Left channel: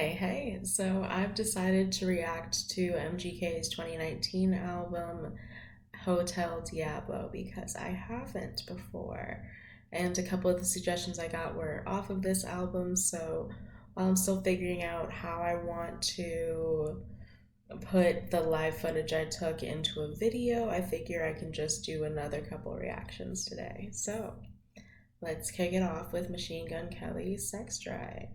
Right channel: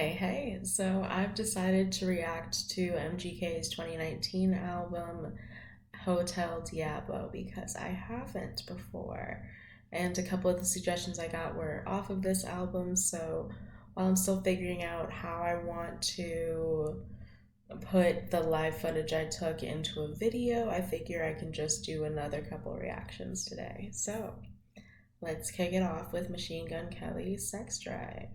Hey, so I've decided to react to MGK's 2019 album Hotel Diablo because I haven't before. And a couple of the suggestions I got were off of this album, so while I'm still figuring out how I want to put the live footage I took into a video, I figure I can just do another couple reactions today. So let's kick it off with Machine Gun Kelly's Sex Drive.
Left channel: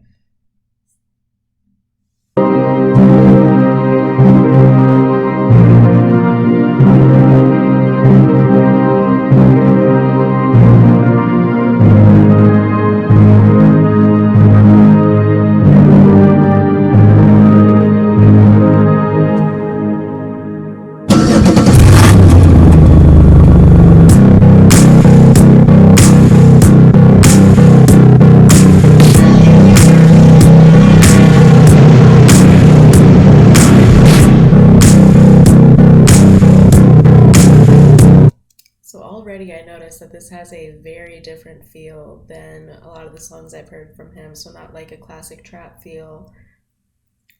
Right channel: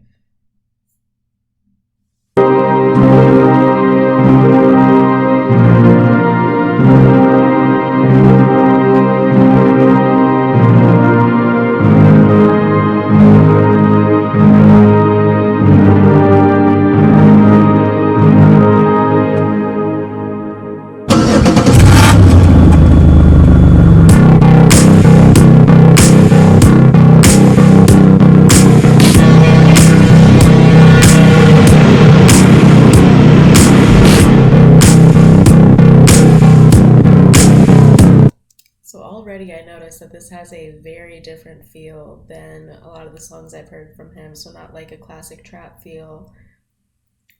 So already I noticed that this has a very different feel than a lot of the songs I've heard from him. So not like a classic trap feel,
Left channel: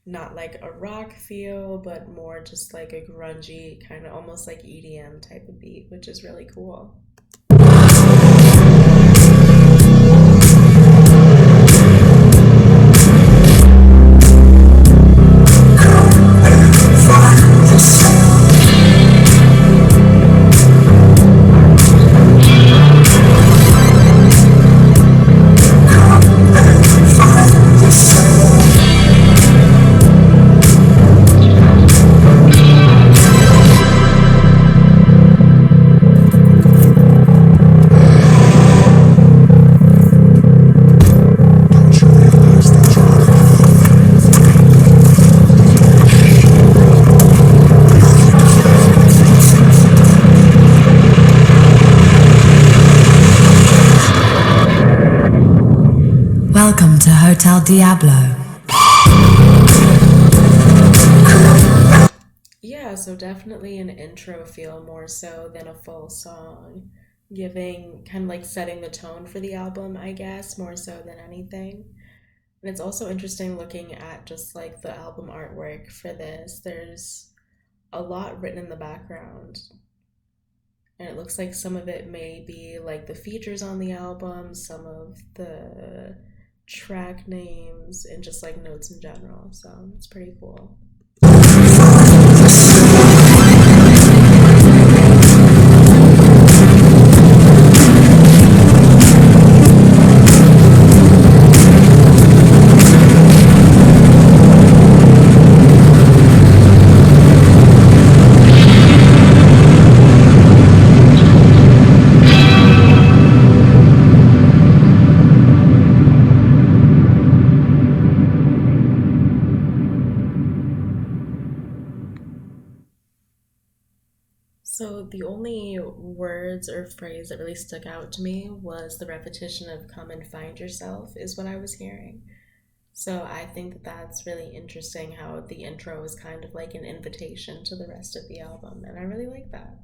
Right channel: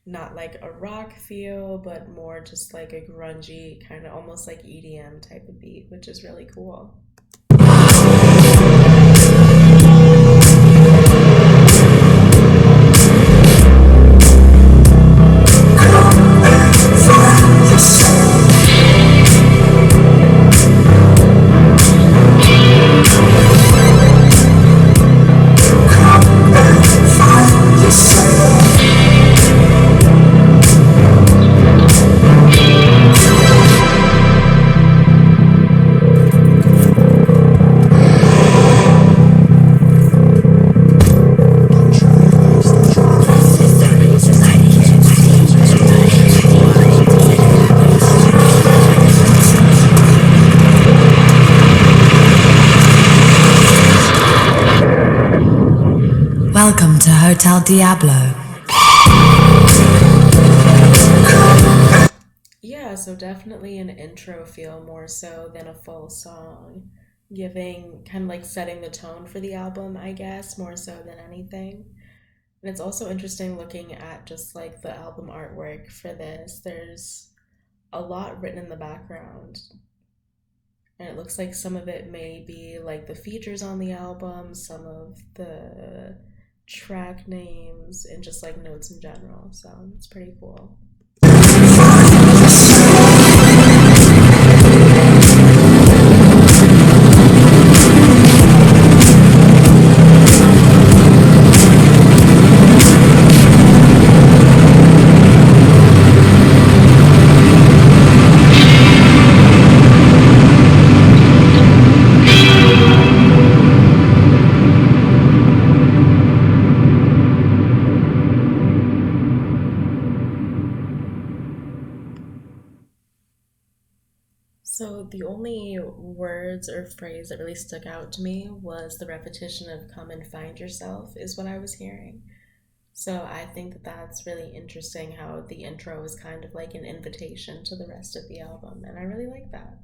not like a rock feel, but more just like a grungy, kind of almost like EDM type of beat, which is really cool. Welcome to Hotel Diablo. Yeah, so definitely an intro feel more so than a full song, giving kind of like setting the tone for the album, I guess, more so than anything. And it's also interesting looking at just like the album artwork for this. There's a lot written in the background, and it looks like some of it may be like the features on the album, some of the track names, and just like notes in general. So it's pretty cool. So the only words or phrase that really stuck out to me was the repetition of "come and find yourself" is what I was hearing. So I think that that's really interesting how the intro is kind of like an invitation to the rest of the album, and I really like that.